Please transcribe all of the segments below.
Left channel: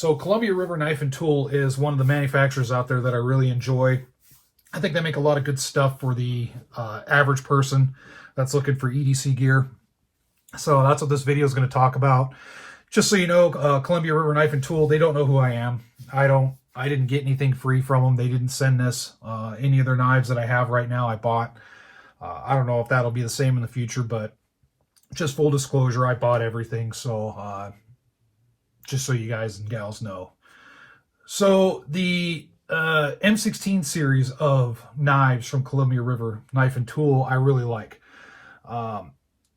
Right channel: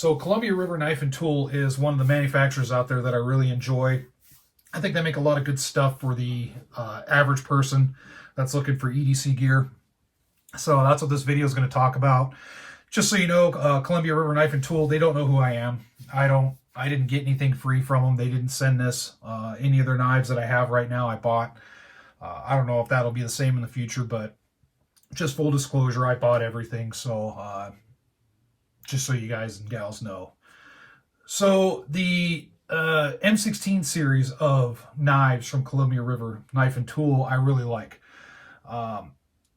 So Columbia River Knife and Tool is one of the manufacturers out there that I really enjoy. I think they make a lot of good stuff for the average person that's looking for EDC gear. So that's what this video is going to talk about. Just so you know, Columbia River Knife and Tool, they don't know who I am. I didn't get anything free from them. They didn't send this. Any of their knives that I have right now, I bought. I don't know if that'll be the same in the future, but just full disclosure, I bought everything. So just so you guys and gals know. So the M16 series of knives from Columbia River Knife and Tool, I really like. I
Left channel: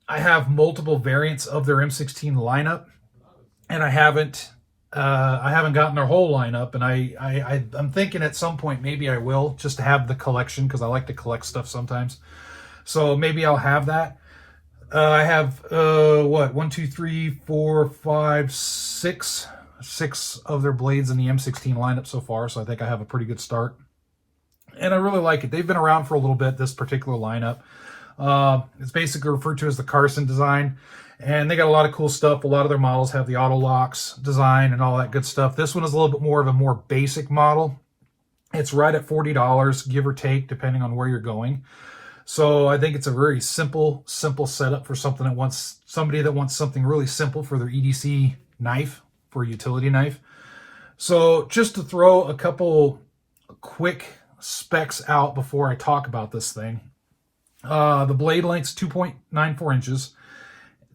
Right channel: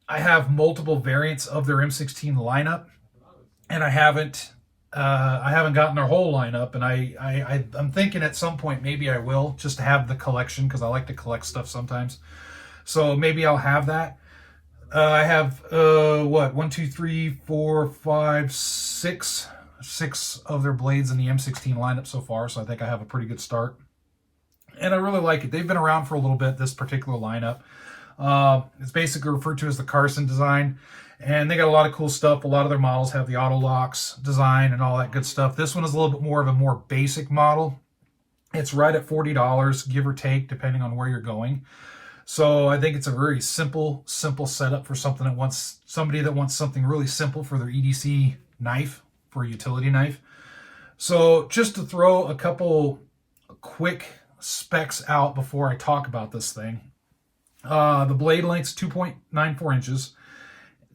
have multiple variants of their M16 lineup, and I haven't gotten their whole lineup, and I'm thinking at some point maybe I will, just to have the collection, because I like to collect stuff sometimes. So maybe I'll have that. I have what, 1, 2, 3, 4, 5, 6 of their blades in the M16 lineup so far, so I think I have a pretty good start. And I really like it. They've been around for a little bit, this particular lineup. It's basically referred to as the Carson design, and they got a lot of cool stuff. A lot of their models have the auto locks design and all that good stuff. This one is a little bit more of a more basic model. It's right at $40, give or take, depending on where you're going. So I think it's a very simple setup for somebody that wants something really simple for their EDC knife, for a utility knife. So just to throw a couple quick specs out before I talk about this thing. The blade length's 2.94 inches.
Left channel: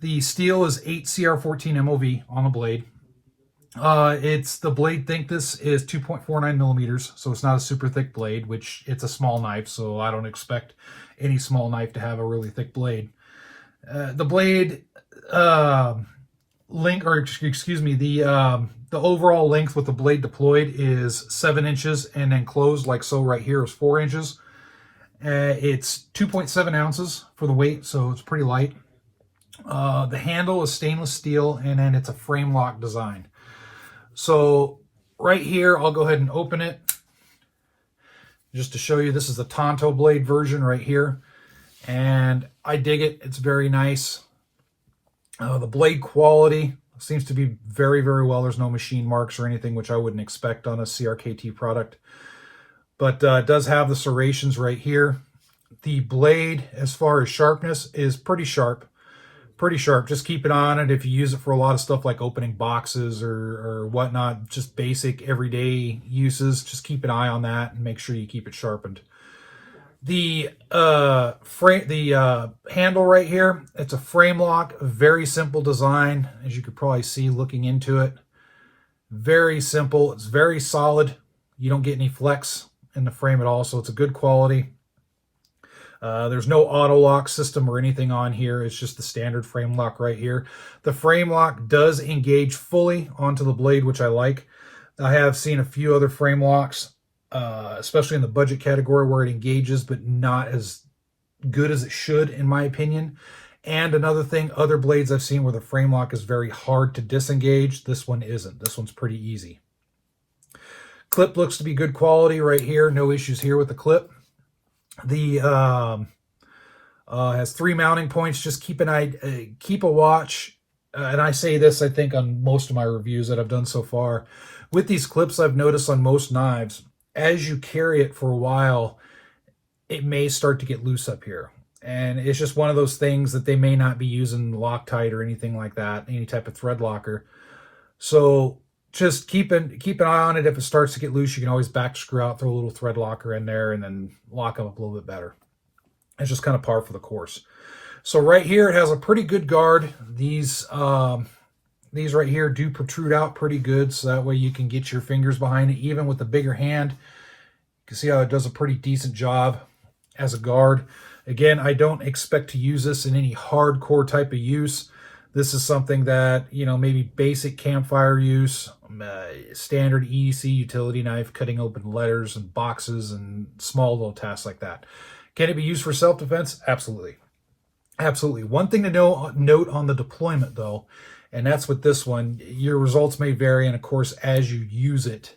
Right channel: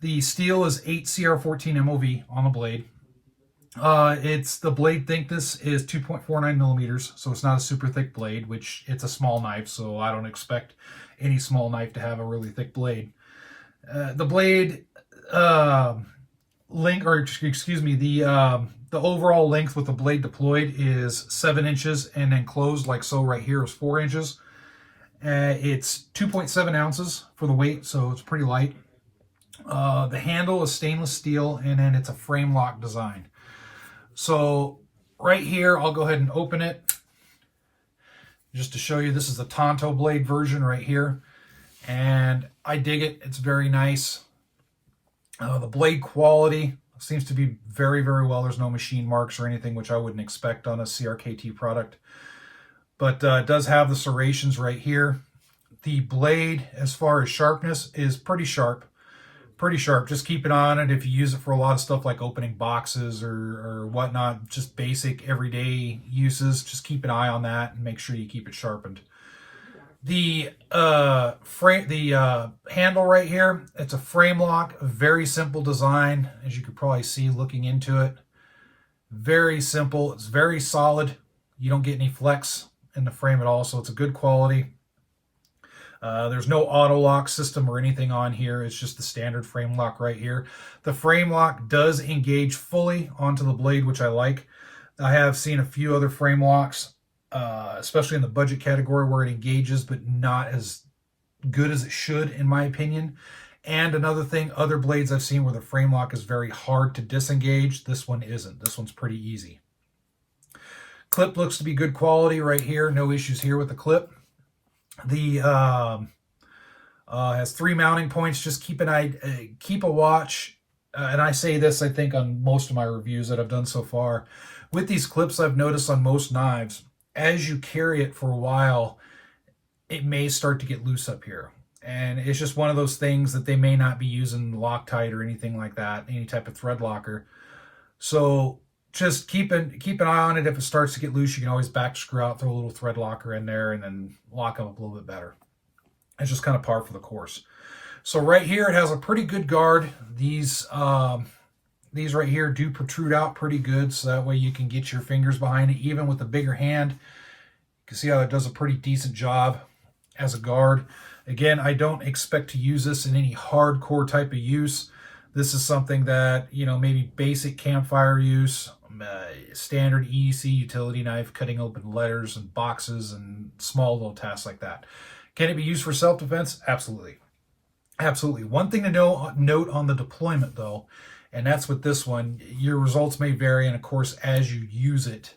The steel is 8 CR14 MOV on the blade. The blade thickness is 2.49 millimeters, so it's not a super thick blade, which it's a small knife, so I don't expect any small knife to have a really thick blade. The blade the overall length with the blade deployed is 7 inches, and then closed like so right here is 4 inches. It's 2.7 ounces for the weight, so it's pretty light. The handle is stainless steel, and then it's a frame lock design. So right here, I'll go ahead and open it just to show you. This is the Tonto blade version right here, and I dig it. It's very nice. The blade quality seems to be very, very well. There's no machine marks or anything, which I wouldn't expect on a CRKT product. But it does have the serrations right here. The blade, as far as sharpness, is pretty sharp. Pretty sharp. Just keep an eye on it if you use it for a lot of stuff like opening boxes or whatnot, just basic everyday uses. Just keep an eye on that and make sure you keep it sharpened. The handle right here, it's a frame lock, a very simple design, as you could probably see looking into it. Very simple. It's very solid. You don't get any flex in the frame at all, so it's a good quality. There's no auto lock system or anything on here. It's just the standard frame lock right here. The frame lock does engage fully onto the blade, which I like. I have seen a few other frame locks, especially in the budget category, where it engages, but not as good as it should, in my opinion. And another thing, other blades I've seen where the frame lock is very hard to disengage. This one isn't. This one's pretty easy. Clip looks to be good quality right here. No issues here with the clip. The has 3 mounting points. Just keep a watch. And I say this, I think, on most of my reviews that I've done so far. With these clips, I've noticed on most knives, as you carry it for a while, it may start to get loose up here. And it's just one of those things that they may not be using Loctite or anything like that, any type of thread locker. So just keep an eye on it. If it starts to get loose, you can always back screw out, throw a little thread locker in there, and then lock them up a little bit better. It's just kind of par for the course. So right here, it has a pretty good guard. These right here do protrude out pretty good, so that way you can get your fingers behind it. Even with a bigger hand, you can see how it does a pretty decent job as a guard. Again, I don't expect to use this in any hardcore type of use. This is something that, you know, maybe basic campfire use, standard EDC utility knife, cutting open letters and boxes and small little tasks like that. Can it be used for self-defense? Absolutely. Absolutely. One thing to note on the deployment, though, and that's with this one, your results may vary, and of course, as you use it,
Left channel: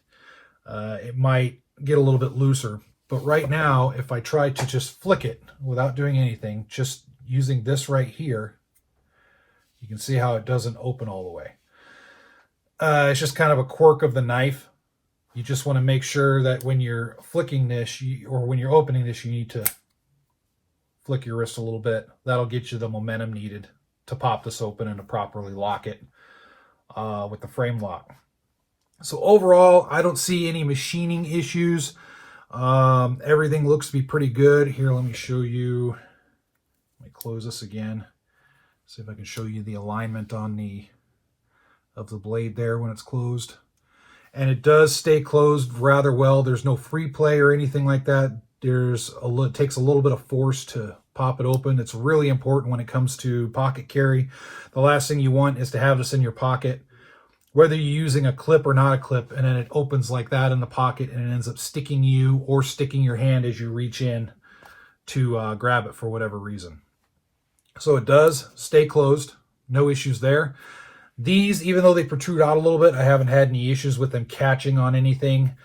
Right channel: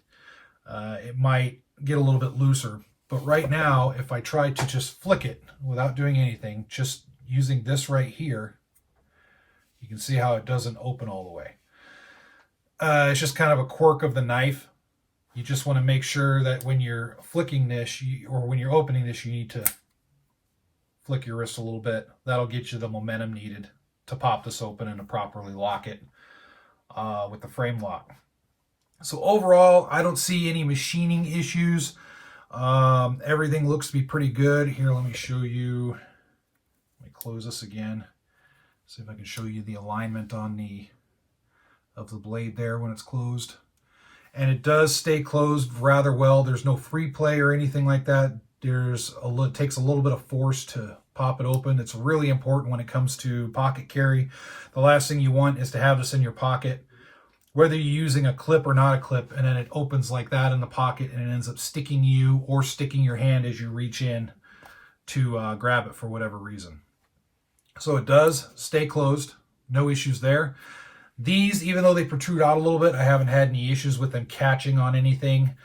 it might get a little bit looser. But right now, if I try to just flick it without doing anything, just using this right here, you can see how it doesn't open all the way. It's just kind of a quirk of the knife. You just want to make sure that when you're flicking this, or when you're opening this, you need to flick your wrist a little bit. That'll get you the momentum needed to pop this open and to properly lock it with the frame lock. So overall, I don't see any machining issues. Everything looks to be pretty good. Here, let me show you. Let me close this again. See if I can show you the alignment on of the blade there when it's closed. And it does stay closed rather well. There's no free play or anything like that. It takes a little bit of force to pop it open. It's really important when it comes to pocket carry. The last thing you want is to have this in your pocket, whether you're using a clip or not a clip, and then it opens like that in the pocket and it ends up sticking you or sticking your hand as you reach in to grab it for whatever reason. So it does stay closed. No issues there. These, even though they protrude out a little bit, I haven't had any issues with them catching on anything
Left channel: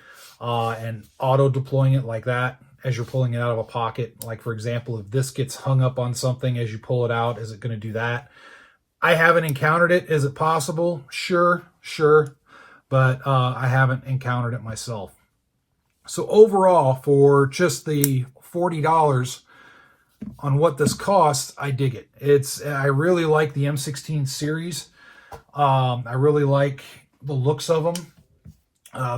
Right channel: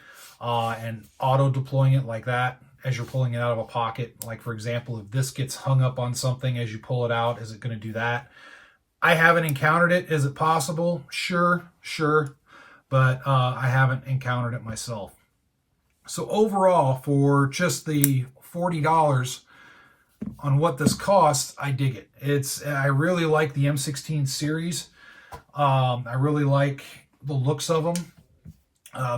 and auto deploying it like that as you're pulling it out of a pocket. Like, for example, if this gets hung up on something as you pull it out, is it going to do that? I haven't encountered it. Is it possible? Sure. But I haven't encountered it myself. So overall, for just the $40 on what this costs, I dig it. I really like the M16 series. I really like the looks of them.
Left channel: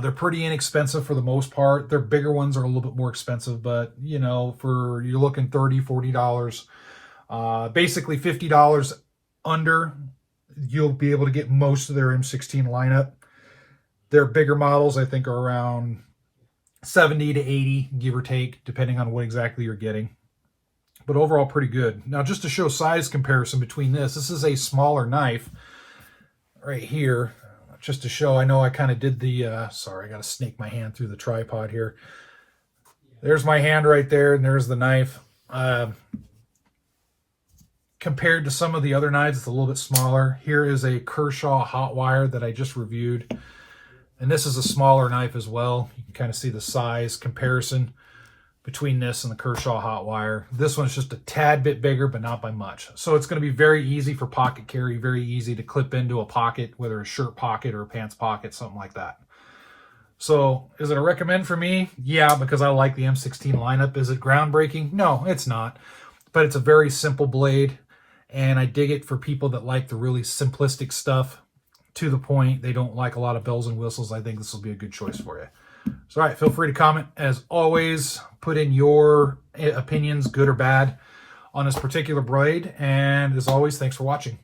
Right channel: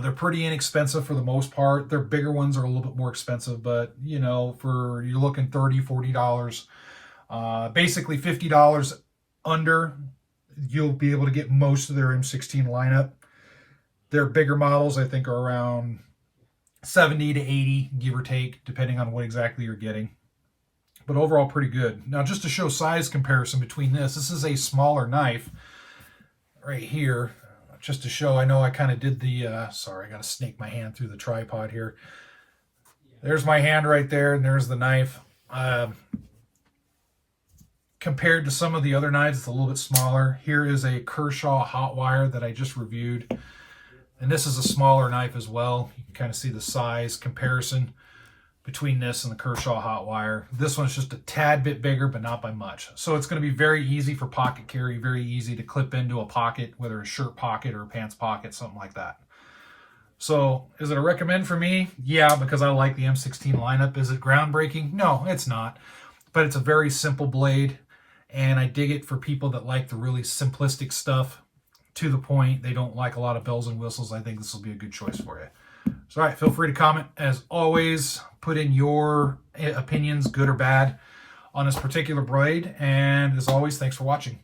They're pretty inexpensive for the most part. Their bigger ones are a little bit more expensive, but you know, you're looking $30, $40. Basically $50 under, you'll be able to get most of their M16 lineup. Their bigger models, I think, are around 70 to 80, give or take, depending on what exactly you're getting. But overall, pretty good. Now, just to show size comparison between this is a smaller knife right here, just to show. I know I kind of did the, sorry, I got to snake my hand through the tripod here. There's my hand right there, and there's the knife. Compared to some of the other knives, it's a little bit smaller. Here is a Kershaw hot wire that I just reviewed. And this is a smaller knife as well. You can kind of see the size comparison between this and the Kershaw hot wire. This one's just a tad bit bigger, but not by much. So it's going to be very easy for pocket carry, very easy to clip into a pocket, whether a shirt pocket or a pants pocket, something like that. So is it a recommend for me? Yeah, because I like the M16 lineup. Is it groundbreaking? No, it's not. But it's a very simple blade, and I dig it for people that like the really simplistic stuff, to the point. They don't like a lot of bells and whistles. I think this will be a good choice for you. So, all right, feel free to comment. As always, put in your opinions, good or bad, on this particular blade. And as always, thanks for watching.